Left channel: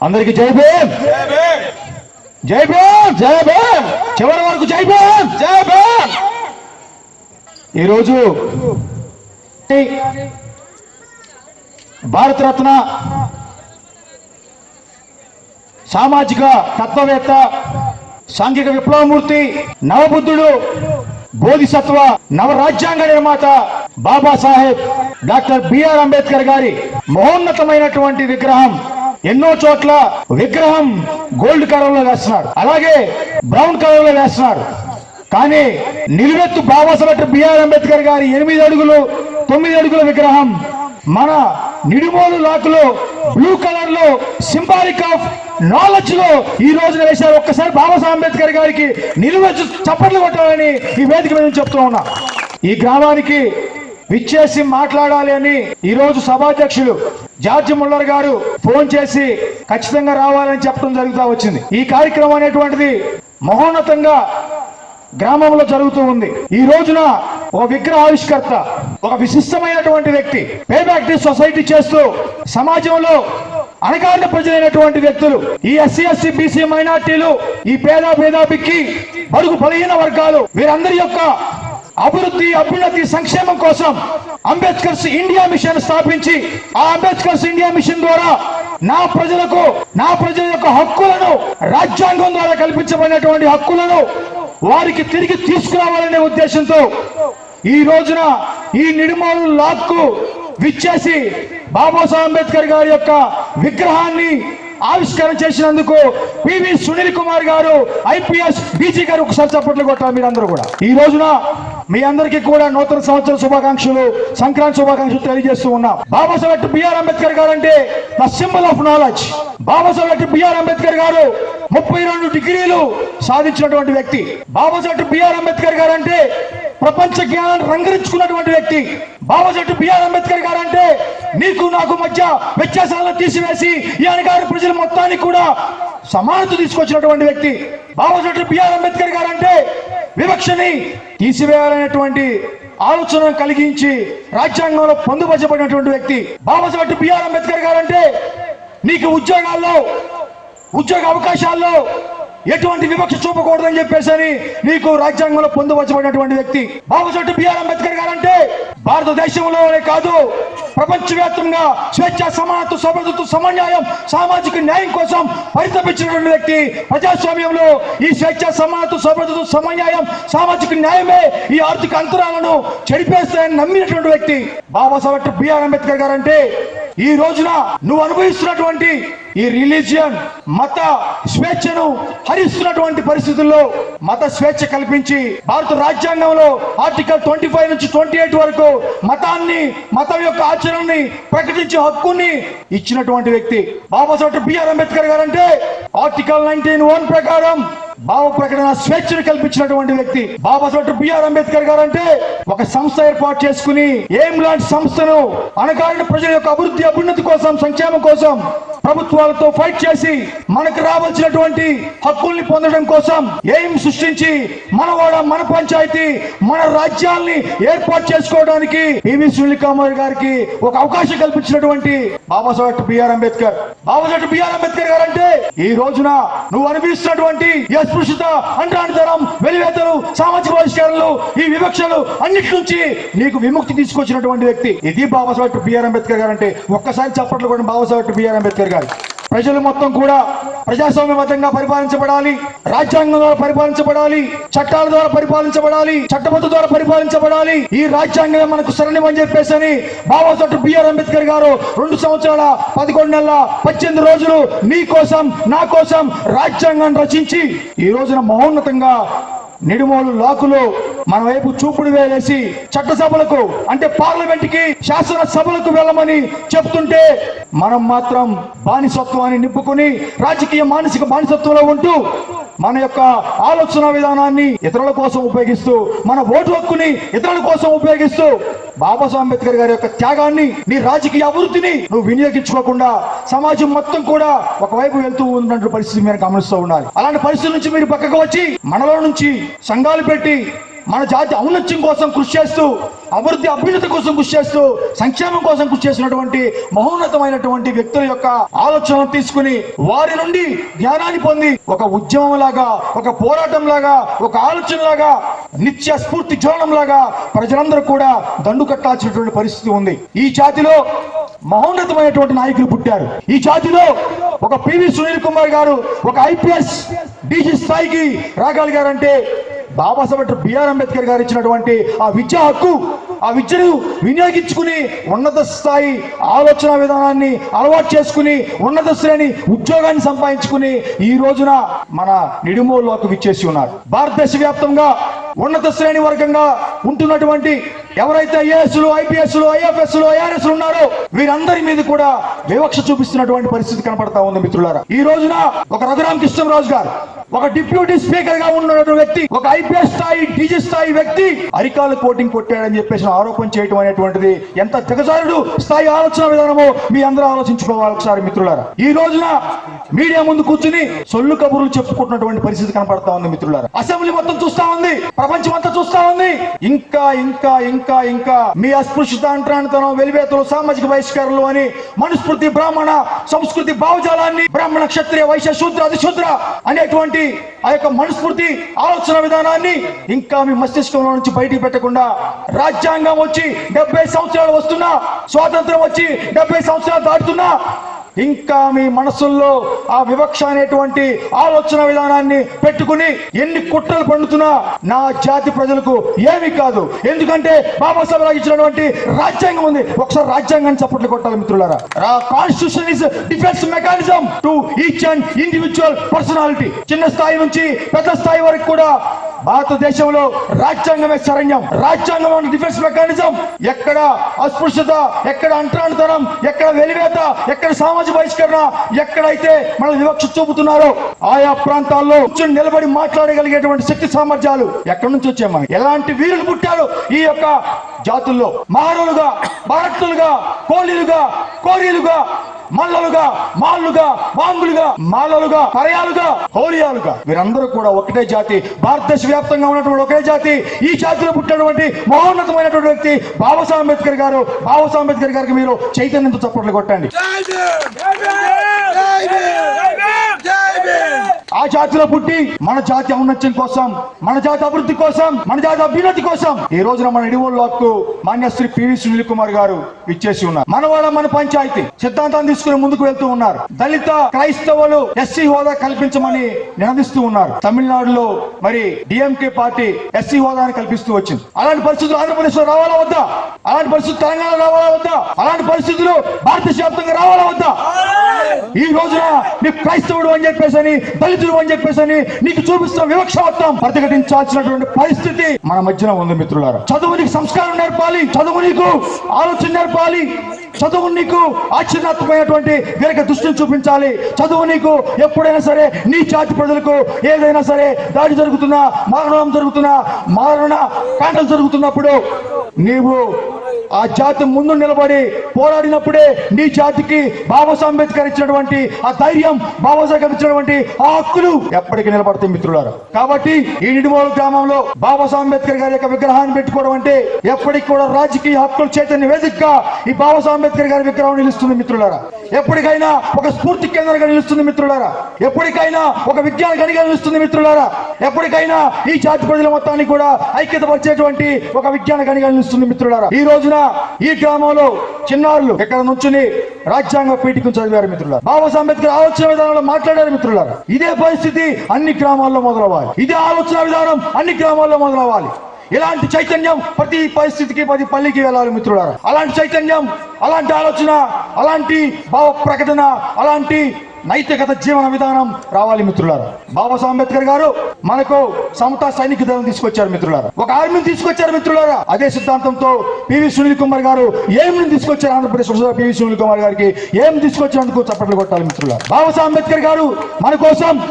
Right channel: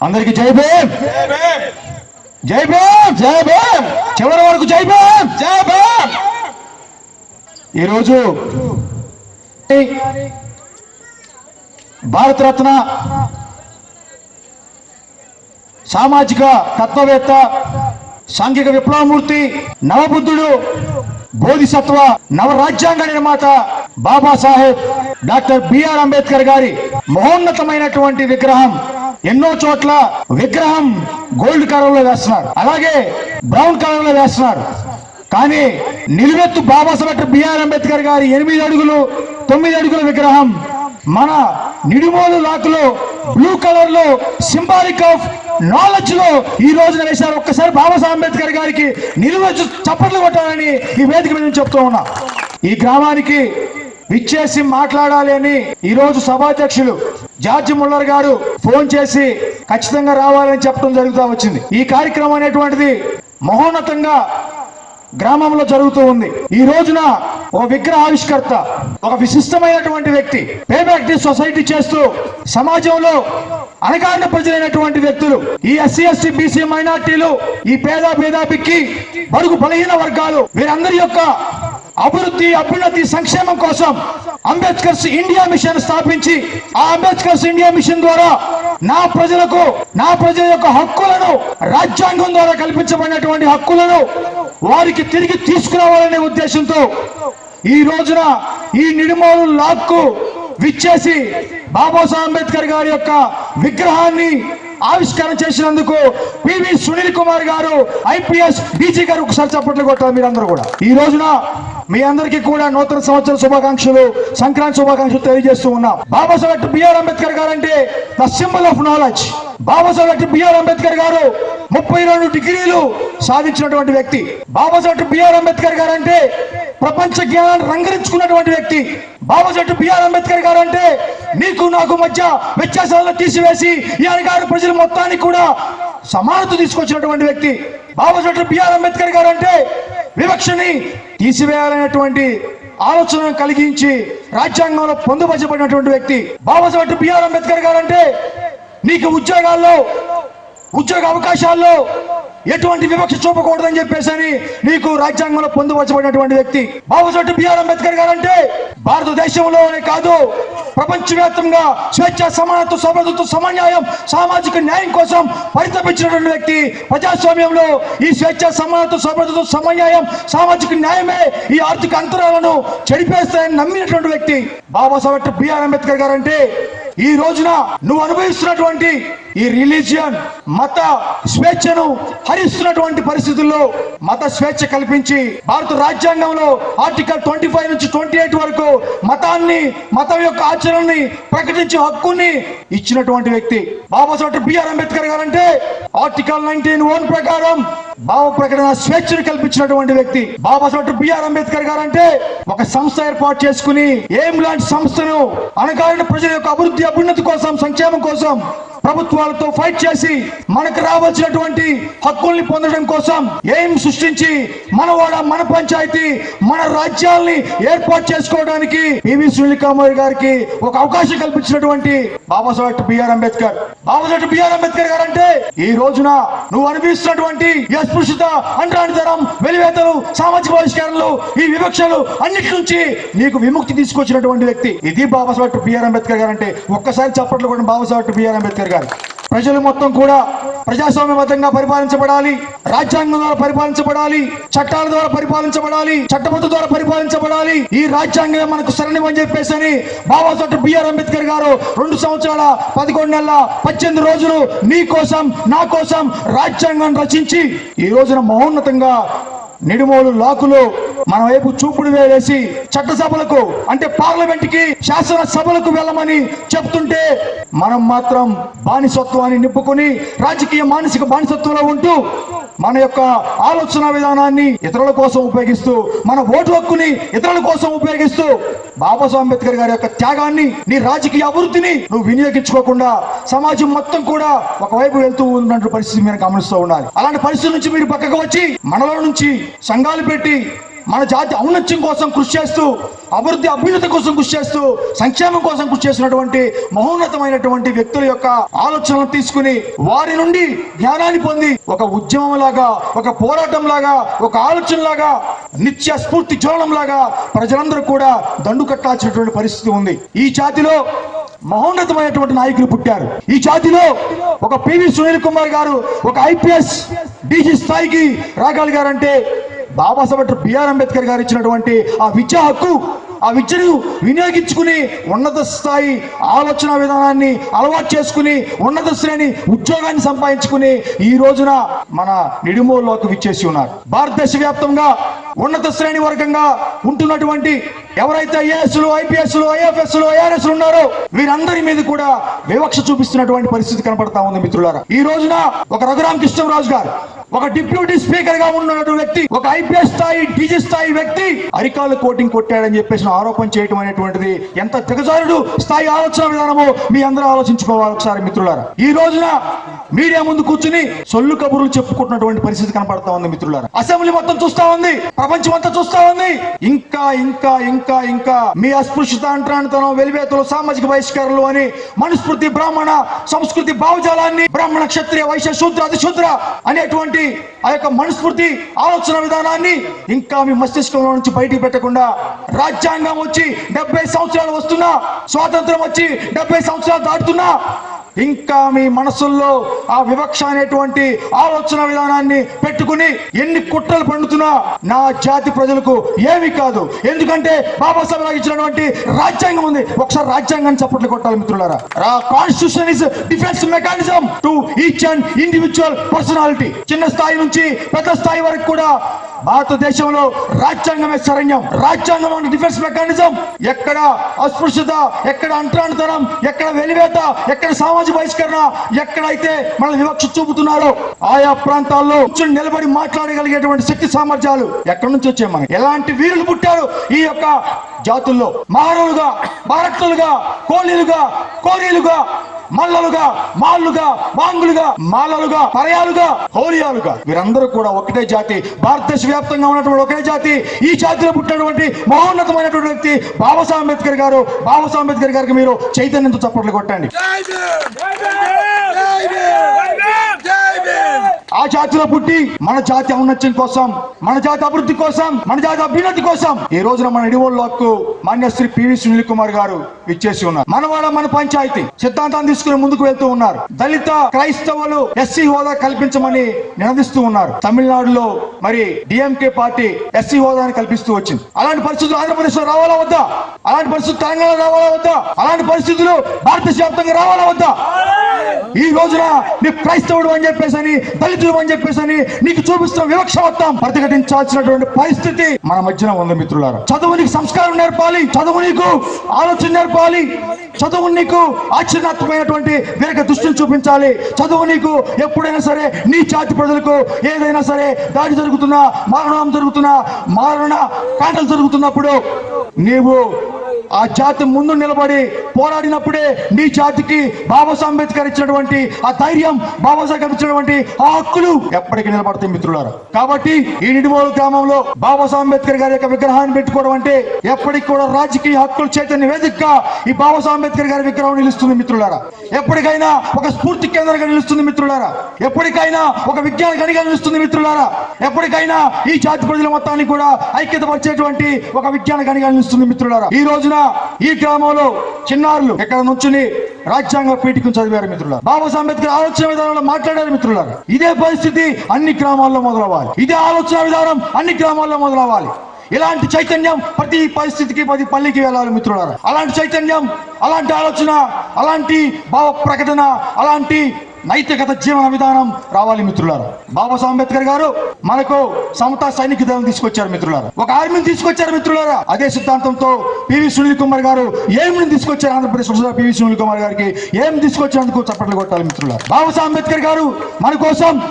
అందరికి జై భీమ్! జై భీమ్! జై భీమ్! చివరి వరకు జై భీమ్! జై భీమ్! ఈరోజు భారతరత్న సామాజిక తత్వవేత్త సాంఘిక విప్లవమూర్తి నవబుద్ధుడు బోధిసత్వ నవరాజ్యాంగ నిర్మాత బాబాసాహెబ్ డాక్టర్ బిఆర్ అంబేద్కర్ గారి మహోన్నతమైనటువంటి విగ్రహం ఎన్నో చోట్ల విగ్రహం గోల్డ్ కలర్లో వేస్తున్నారు. అలాగే బ్రౌన్ కలర్లో వేస్తున్నారు. కానీ నిలువెత్తు బాబాసాహెబ్ బిఆర్ అంబేద్కర్ గారి ఎనిమిది అడుగులు తొమ్మిది అడుగుల విగ్రహం మన నిడుమోలు లాకులో బ్లూ కలర్లో సింబాలిక్ ఆఫ్ నాలెడ్జ్లో ఈ రోజున వేశారు. ఒక్కసారి బాబాసాహెబ్ అంబేద్కర్ గారికి నిలువ చప్పట్లు కొట్టాలని ఈ వేదిక మీద చెప్తూ ఉన్నా. ఈ గ్రామానికి విచ్చేసి మాట్లాడాలి అని ఈ రోజు సభాధ్యక్షులు జార్జ్ ముల్లర్ గారు ఫోన్ చేసి ఖచ్చితంగా రావాలని చెప్పడం జరుగుతూ వచ్చింది. ఈ కార్యక్రమం అనేటువంటిది మహోన్నతంగా గ్రామంలో జరుగుతూ ఉంది. ఈ రోజున ఒక విగ్రహ ఆవిష్కర్త ఒక విశిష్టమైనటువంటి వ్యక్తి పేబ్యాక్ ది సొసైటీ చేస్తూ సమాజంలో అణగారిన ప్రజలైనటువంటి వ్యక్తులు ఈ ఎస్సీ ఎస్సీ బీసీ మైనార్టీలు ఈ పేద పేదాపిక్కి బడుగు బలహీన వర్గాలు వీరందరి యొక్క అభివృద్ధి అభ్యున్నతి సంక్షేమం కోసం అంబేద్కర్స్ ఇండియా మిషన్ స్థాపించి ఆ అంబేద్కర్స్ ఇండియా మిషన్ ద్వారా నా ప్రజలకు నా ప్రజల యొక్క హక్కులను రాజ్యాంగం ద్వారా కల్పించబడినటువంటి హక్కులను వారికి తిరిగి తీసుకురావాలనే ఉద్దేశంతో ఈ రోజున ఈ నిర్మాణం లాక్కు విచ్చేసి బాబాసాహెబ్ అంబేద్కర్ గారి యొక్క విగ్రహాన్ని ఆవిష్కరణ చేసినందుకు పివి సునీల్ కుమార్ గారు ఐపీఎస్ బీజీ గారు ఒకసారి చప్పట్లు కొట్టారు మీరందరూ కూడా. ఈ రోజున మీ అందరికీ కూడా నూతన సంవత్సర శుభాకాంక్షలు సంక్రాంతి శుభాకాంక్షలు తెలియజేస్తూ ఉన్నా. బాబాసాహెబ్ బిఆర్ అంబేద్కర్ గారు అంటే the symbol of knowledge. Babasaheb B R Ambedkar garu ముప్పై రెండు డిగ్రీలు సాధించినటువంటి వ్యక్తి. బాబాసాహెబ్ బిఆర్ అంబేద్కర్ గారు అంటే ప్రపంచ జ్ఞానాన్ని రంగరించుకున్నటువంటి వ్యక్తి. బాబాసాహెబ్ బిఆర్ అంబేద్కర్ గారు అంటే నీకు నాకు మధ్య వ్యత్యాసాలను తీసివేసి ఈ గారు ప్రజల మొత్తానికి కూడా సమానత తీసుకొచ్చినటువంటి వ్యక్తి. బాబాసాహెబ్ బిఆర్ అంబేద్కర్ గారు అంటే వివక్షని తీసివేయాలనేటువంటి ఆలోచన కలిగించి రాజ్యాంగంలో పొందుపరచబడినటువంటి వ్యక్తి బాబాసాహెబ్ బిఆర్ అంబేద్కర్ గారు అంటే నీకు ఉద్యోగాల్లో ఉద్యోగ అవకాశాల్లో ఎటువంటి వివక్ష చూపకూడదని చెప్పేసి అని రాజ్యాంగంలో పొందుపరచబడినటువంటి వ్యక్తి బాబాసాహెబ్ బిఆర్ అంబేద్కర్ గారు అంటే భారతదేశంలోనే కాదు ప్రపంచవ్యాప్తంగా స్వేచ్ఛ సమానత్వ సమర్థత్వ సమన్యాయం సామాజిక న్యాయం కోసం పరితపించినటువంటి వ్యక్తి ప్రజాస్వామ్యంలో ఈ స్వేచ్ఛ సమానత్వ సమర్థత్వ సమన్యాయం సామాజిక న్యాయమే ఈ ఆర్థిక అంతరాలను చెడిపేస్తాయని నమ్మినటువంటి వ్యక్తి బాబాసాహెబ్ బిఆర్ అంబేద్కర్ గారు అంటే ఈ రోజున నువ్వు అనుభవిస్తున్నటువంటి ఈ రిలీజియన్ మత స్వేచ్ఛను హరిస్తున్నటువంటి పరిస్థితుల్లో మత స్వేచ్ఛ కల్పించి భారత రాజ్యాంగంలో ఆర్టికల్ ట్వంటీ ఫైవ్ నుంచి ట్వంటీ ఎయిట్ వరకు మతాన్ని మతం యొక్క ఆచరణని ప్రకటించే హక్కుని ఇచ్చినటువంటి వ్యక్తి. బాబాసాహెబ్ బిఆర్ అంబేద్కర్ గారు అంటే ఆర్టికల్ నైన్టీన్ వన్ ప్రకారం భావ ప్రకటన స్వేచ్ఛను కల్పించినటువంటి వ్యక్తి బాబాసాహెబ్ బిఆర్ అంబేద్కర్ గారు అంటే ఒక సంస్థ ఏర్పాటు చేసుకుని ఏం లాంటి సంస్థను అణగారిన ప్రజల యొక్క అభివృద్ధి అభ్యున్నతి కోసం సంక్షేమం కోసం ప్రభుత్వాలతో ఫైట్ చేసి మనకు రావాల్సినటువంటి హక్కుల్ని పొందడం కోసం ఏం సృష్టించి మనవాడ మన పంచాయతీ మన రాజ్యాల్ని ఏర్పాటు చేసుకోవడానికి పివి సునీల్ గారికి ఒక అవకాశం కల్పించినటువంటి Babasaheb B R Ambedkar. Babasaheb B R Ambedkar garu అంటే ఈ రోజున నువ్వు అనిపిస్తున్నటువంటి అస్పృశ్యత అస్పృశ్యత తరం వెలివేతలు సామాజిక పరిష్కారాలు ఈ వివక్షలు అన్నిటి నుంచి నీకు విముక్తి తీసుకొచ్చినటువంటి వ్యక్తి. ఇది బాబాసాహెబ్ బిఆర్ అంబేద్కర్ గారు అంటే ఒక్కసారి చప్పట్లు కూడా బాబాసాహెబ్ బిఆర్ అంబేద్కర్ గారు. ప్రజలు మొత్తం కూడా ప్రజాస్వామ్యబద్ధంగా పరిపాలించబడాలి రాజ్యాంగం ద్వారా పరిపాలించబడాలి చట్టాల ద్వారా పరిపాలించబడాలి చట్టబద్ధ ద్వారా పరిపాలించబడాలి. ఈ రాజ్యాంగమే మనకు శరణివని చెప్పేసి అని బాబాసాహెబ్ బిఆర్ అంబేద్కర్ గారు రెండు సంవత్సరాల పదకొండు నెలల పద్దెనిమిది రోజులు మీ కోసం నా కోసం రాజ్యాంగాన్ని రచించి ఈ రోజున మహోన్నతంగా నిడుమోలు లాకులు మన వైపు చూపుడు వేలేసి చట్టసభలకు అంటే పార్లమెంట్కి శాసన సభలకు వెళ్ళమని చెప్తుంటే మనం మాత్రం బానిసత్వాన్ని నింపుకుని రాజకీయ మానసిక బానిసత్వంలో ఉంటూ మన యొక్క ఆలోచన విధానాన్ని ఇతరుల కోసం ఉపయోగిస్తూ మన ఓటు హక్కుని ఇతరుల కోసం ఉపయోగిస్తూ బాబాసాహెబ్ అంబేద్కర్ గారి యొక్క త్యాగాన్ని నీ రాజకీయ అభివృద్ధిని నువ్వు వినియోగించుకోకుండా సమాజం మొత్తం కూడా ఒకవైపు వెళ్తూ ఉన్నటువంటి పరిస్థితి మీరు గమనిస్తూ ఉన్నారు. అలాంటి పరిస్థితి నుంచి మీరు పక్కకు వచ్చి మనలో నుంచి సంఘాలు పెట్టి మన జాతి ఔన్నత్యం కోసం కృషి చేస్తూ అభివృద్ధి అభ్యున్నత కోసం కృషి చేస్తూ సంక్షేమం కోసం కృషి చేసినటువంటి మహోన్నతమైనటువంటి వ్యక్తుల యొక్క ఆలోచనలు తీసుకుని వారి నుండి జ్ఞానాన్ని పొంది ఒక ఉద్యమం లాగా ఒక పోరాటం లాగా ఒక ఆలోచన లాగా నిత్య స్ఫూర్తి జ్వలనం లాగా ప్రజలందరూ కూడా దండు కట్టాల్సినటువంటి పరిస్థితి ఉంది. ఈ జాతిలో మహోన్నతమైనటువంటి నాయకులు పుట్టారు. ఈ జాతిలో ఒక పివి సునీల్ కుమార్ గారు ఒక ఐపీఎస్ డీజీ స్థాయికి రాగలిగారంటే Babasaheb doctor B R Ambedkar garu ఇచ్చినటువంటి ఆ విద్యా హక్కు ఆ విద్యను వినియోగించుకుని ఉన్నత స్థాయి ఆలోచన విధానాన్ని అలవాటు చేసుకుని ఉన్నత శ్రేణి ఉద్యోగాన్ని సంపాదించుకుని ఈ రోజున మన నిడిమోల్లోకి విచ్చేసి ఉన్నారు. భారతదేశ వ్యాప్తంగా ఉన్నత శ్రేణి వర్గంగా ఉంటున్నటువంటి ఎవరైతే ఐఏఎస్లు ఐపీఎస్లు ఐఎఫ్ఎస్లు ఐఆర్ఎస్ ఉన్నారో వీరందరి మీద కూడా వివక్ష చూపిస్తున్నటువంటి పరిస్థితి కనపడతా ఉంది మిత్రులారా. ఈ రోజున ఒక రఘురామ కృష్ణరాజు గారు ఒక డిప్యూటీ స్పీకర్గా ఉన్నటువంటి వ్యక్తి ఒక ఐపీఎస్ స్థాయి డీజీ స్థాయి వ్యక్తి అరికాలు కోటింగ్ కొట్టాడని చెప్పేసి ఆరోపణ చేయడం అనేటువంటిది ఎంత దిగజారుడు స్థాయి ఆలోచన విధానము మీ అందరూ ఆలోచించుకోవాలి ఒకసారి మిత్రులారా. ఈ రోజున మీడియా ముందు కూర్చుని సొల్లు కబుర్లు చెప్పుకుంటున్నటువంటి పరిస్థితి కనపడతా ఉంది మిత్రులారా. అసెంబ్లీ మొత్తం చూస్తా ఉంది ప్రపంచం అంతా చూస్తా ఉంది. ఇంకా ఇంకా ఇంకా ఇంకా మీ అస్పృశ్యత అంటరానితనం వెలివేతలు సామాజిక బహిష్కారాలు అని మనుస్మృతి బ్రాహ్మణ సంస్కృతి భావజాలాన్ని బ్రాహ్మణ క్షత్రియ వైశ్య శూద్ర అధిశూద్ర అనేటువంటి ఆ యొక్క మనస్ఫూర్తి ఆలోచన విధానాన్ని ఇంకా మీ మస్తిష్కంలో నుంచి బయటికి పెట్టకుండా రాజ్యాంగం వచ్చి డెబ్బై సంవత్సరాలు వస్తున్నా స్వాతంత్రం వచ్చి డెబ్బై సంవత్సరాలు దాటుతున్నా ఇంకా మీ మనసుల్లో ఆ వివక్ష అనేటువంటి ఆలోచన విధానాన్ని పెట్టుకుని ఎన్ని కుట్రలు పండుతున్నా నా జాతి ప్రజలకు ఏమి కాదు. ఎందుకంటే బాబాసాహెబ్ గారు ఇచ్చినటువంటి రాజ్యాంగం ఉంది. ఒకసారి రాజ్యాంగాన్ని చప్పట్లు కొట్టాలి మిత్రులారా. Constitution is defence mechanism to each and individual personality చిన్న స్థాయి నుంచి పెద్ద స్థాయి వరకు కూడా భారతదేశంలో రాజ్యాంగమే శరణ్యం. రాజ్యాంగం డిఫెన్స్ మెకానిజం ఎక్కడ అస్పృశ్యత ఎక్కడ అంటరానితనం ఎక్కడ వెలివేత ఎక్కడ సామాజిక బహిష్కరణ ఎక్కడైతే మన వివక్ష చూపుతున్నారో ఆయా ప్రాంతాల్లో కూర్చొని నిలబడి మాట్లాడగలిగేటువంటి శక్తి సామర్థ్యాలు ఎక్కడి నుంచి వచ్చాయి మనకి? ఎలాంటి వీరులు పుట్టారు ఈ యొక్క జాతుల్లో? మానవులుగా భారత్తులుగా కోలీలుగా కోరీలుగా మల్లలుగా మాళ్ళుగా మాంగులుగా మాలలుగా పరయాలుగా హోలియాలుగా వీరందరూ కూడా ఒకటే జాతి భారతదేశ వ్యాప్తంగా ఉన్నటువంటి ఒకే జాతి ఈ జాతిలో పుట్టినటువంటి మహోన్నతమైనటువంటి వ్యక్తి బాబాసాహెబ్ అంబేద్కర్ గారు. బాబాసాహెబ్ అంబేద్కర్ గారికి మీరు చైతన్యంతో చప్పట్లు కొట్టండి. ఆ జాతిలో పుట్టి మన జాతి ఔన్నత్యం కోసం మన జాతి అభివృద్ధి కోసం మన జాతి అభ్యున్నతి కోసం ఈ రోజున మన ఇడివోళ్ళకు మాన్యశ్రీ పివి సునీల్ కుమార్ గారు ఇచ్చేసి ఉన్నారు. మనవాడ మన పంచాయతీ సిద్ధాంతం తీసుకుని ముందుకు వెళ్తూ ఉన్నారు. దళిత క్రైస్తవులు ఎస్సీ హోదా కల్పించమని నినదిస్తూ ఉన్నారు. తమిళనాడులో మరి డిఎంకే పార్టీ ఎస్సీ హోదాను కల్పిస్తూ వచ్చింది. అలాంటి పరిస్థితులు ఆంధ్రప్రదేశ్లో రావాలా వద్దా? అలాంటి పరిస్థితులు తెలంగాణ రావాలా వద్దా? అలాంటి పరిస్థితులు భారతదేశ వ్యాప్తంగా రావాలా వద్దా? ఈ రోజున నీ క్రైస్తవుడు అని చెప్పేసి అని దళితుడు అని చెప్పేసి అని నీకు చూపిస్తున్న వివక్షవత్వం ప్రతిఘటించాల్సినటువంటి పరిస్థితి మన మధ్యన ఉంది మిత్రులారా. చదువు నీకు సంస్కారం నేర్పాలి చదువు నీకు ఆలోచన నేర్పాలి చదువు నీకు ఆశ్చర్యాత్మకమైనటువంటి వీరక దృష్టిని చూపించాలి. చదువు నీకు ఎప్పుడైనా సరే నీ జాతి ప్రజలకు ఏదైనా సరే దాడి జరుగుతున్నా మరణం జరుగుతున్నా మరణ కాంటలు జరుగుతున్నప్పుడు నీవు ఆ జాతి ముందు నిలబడి పోరాడినప్పుడే నీ జాతికి బాబాసాహెబ్ అంబేద్కర్ ఇచ్చినటువంటి ఆ ధైర్యం బాబాసాహెబ్ ఇచ్చినటువంటి ఆ హక్కులు ఎప్పటికీ నిలబడతాయి మిత్రులారు. కాబట్టి ఈ నిడిమోలు గ్రామంలో బాబాసాహెబ్ అంబేద్కర్ గారి యొక్క విగ్రహాన్ని పెట్టుకోవడం అంటే ఎప్పటికి కూడా రాజకీయ హక్కుల చైతన్య వేదికగా ఈ బాబాసాహెబ్ అంబేద్కర్ గారి విగ్రహం నిలుస్తుంది మిత్రులారా. ఎప్పటికైనా ఒక స్ఫూర్తి కేంద్రంగా నిలుస్తుంది మిత్రులారా. ఎప్పటికైనా ఒక విజ్ఞాన గడిగా నిలుస్తుంది మిత్రులారా. ఎప్పటికైనా ఈ జాతి ప్రజల మొత్తాన్ని కూడా ఐక్యతపరిచేటువంటి ఒక విజ్ఞాన గనిగా నిలుస్తుంది మిత్రులారా. ఈ రోజున ఈ గ్రామంలో చిన్నారులు ఇక్కడ నుంచుని రాజ్యాంగ పీఠికం చదివారు మిత్రులారా? బాబాసాహెబ్ అంబేద్కర్ ఆలోచన విధానంలో మాట్లాడారు మిత్రులారు? ఇదే పరిస్థితి అన్ని గ్రామాల్లో మొదలవ్వాలి. ఇదే ఆలోచన విధానం అన్ని గ్రామాల్లో మొదలవ్వాలి. ఇలాంటి చైతన్యం ప్రతి పరిస్థితికి ప్రతి పల్లికి వెళ్ళాలి మిత్రులారా. అలాంటి చైతన్యం అలాంటి ఆలోచన అలాంటి భావ ప్రకటన అలాంటి నైతికత జీవన విధానం రావాలి మిత్రులారా. బాబాసాహెబ్ అంబేద్కర్ గారు మనకు సమతా సైనిక దళం తీసుకొచ్చారు మిత్రులారా. ఒక ఆర్మీని తీసుకొచ్చారు మిత్రులారా. అదే సిద్ధాంతంతో పివి సునీల్ కుమార్ గారు ఏం తీసుకొచ్చారు ఆంధ్రప్రదేశ్ పివి సునీల్ కుమార్ గారికి? ఏం తీసుకొచ్చినందుకు చప్పట్లు కొట్టాలి మిత్రులారా. బాబాసాహెబ్ అంబేద్కర్ గారు మన కోసం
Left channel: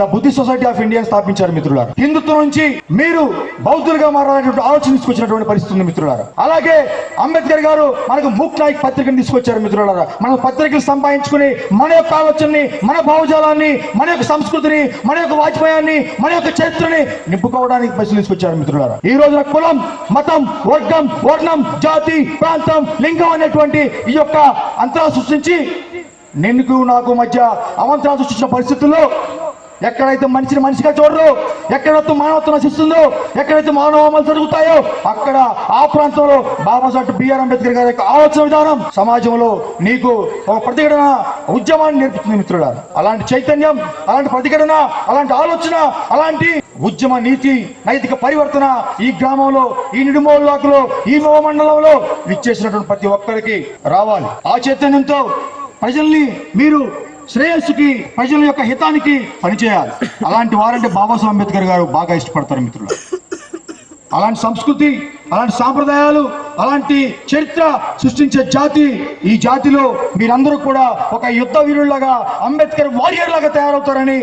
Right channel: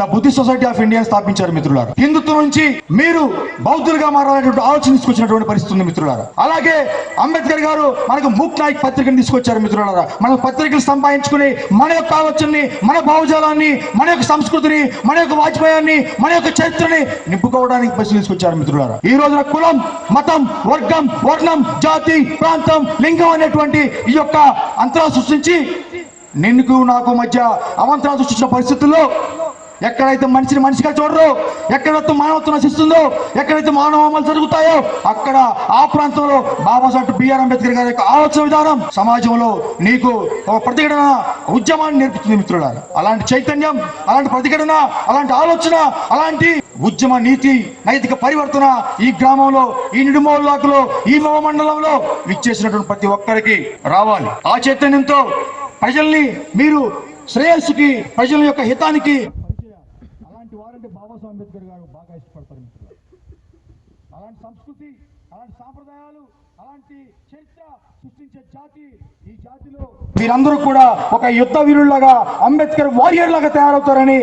ద బుద్ధి సొసైటీ ఆఫ్ ఇండియా స్థాపించారు మిత్రులారా. హిందుత్వం నుంచి మీరు బౌద్ధులుగా మారాలనేటువంటి ఆలోచన తీసుకొచ్చినటువంటి పరిస్థితి ఉంది మిత్రులారా. అలాగే అంబేద్కర్ గారు మనకు మూక్ నాయక్ పత్రికను తీసుకొచ్చారు మిత్రులారా. మన పత్రికలు సంపాదించుకుని మన యొక్క ఆలోచనని మన భావజాలాన్ని మన యొక్క సంస్కృతిని మన యొక్క వాజ్పేయాన్ని మన యొక్క చరిత్రని నింపుకోవడానికి ప్రశ్న తీసుకొచ్చారు మిత్రులారా. ఈ రోజున కులం మతం వర్గం వర్ణం జాతి ప్రాంతం లింగం అనేటువంటి ఈ యొక్క అంతరా సృష్టించి నిన్నుకు నాకు మధ్య అవంతరాలు సృష్టించిన పరిస్థితుల్లో ఎక్కడైతే మనిషిని మనిషిగా చూడరు ఎక్కడైతే మానవత్వం నశిస్తుందో ఎక్కడైతే మానవ అమలు జరుగుతాయో అక్కడ ఆ ప్రాంతంలో బాబాసాహెబ్ బిఆర్ అంబేద్కర్ గారి యొక్క ఆలోచన విధానం సమాజంలో నీకు ఒక ప్రతిఘటన ఉద్యమాన్ని నేర్పుతుంది మిత్రుడా. అలాంటి చైతన్యం అలాంటి ప్రతిఘటన అలాంటి ఆలోచన అలాంటి ఉద్యమ నీతి నైతిక పరివర్తన ఈ గ్రామంలో ఈ నిడుమోలాకులో ఈ మండలంలో విచ్చేసినటువంటి ప్రతి ఒక్కరికి రావాలి. ఆ చైతన్యంతో ప్రజల్ని మీరు శ్రేయస్సుకి ప్రజల యొక్క హితానికి పనిచేయాలి. అలాంటి వారంటే బాబాసాహెబ్ అంబేద్కర్ గారు బాగా ఇష్టపడతారు మిత్రులు. అలాంటి సంస్కృతి అలాంటి సాంప్రదాయాలు అలాంటి చరిత్ర సృష్టించే జాతి ఈ జాతిలో మీరందరూ కూడా ఒక యుద్ధ వీరుల్లాగా అంబేద్కర్ వారియర్ లాగా తయారవుతారని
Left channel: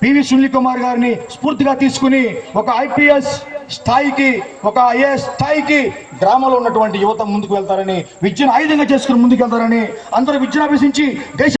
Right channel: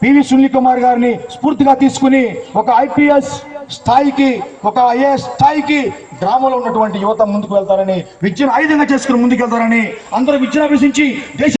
పివి సునీల్ కుమార్ గారిని స్ఫూర్తిగా తీసుకుని ఒక ఐపీఎస్ స్థాయికి ఒక ఐఏఎస్ స్థాయికి గ్రామంలో ఉన్నటువంటి యువత ముందుకు వెళ్తారని విద్యను ఆయుధంగా చేసుకుని ముందుకు వెళ్తారని అందరూ విద్యను అభ్యసించి దేశ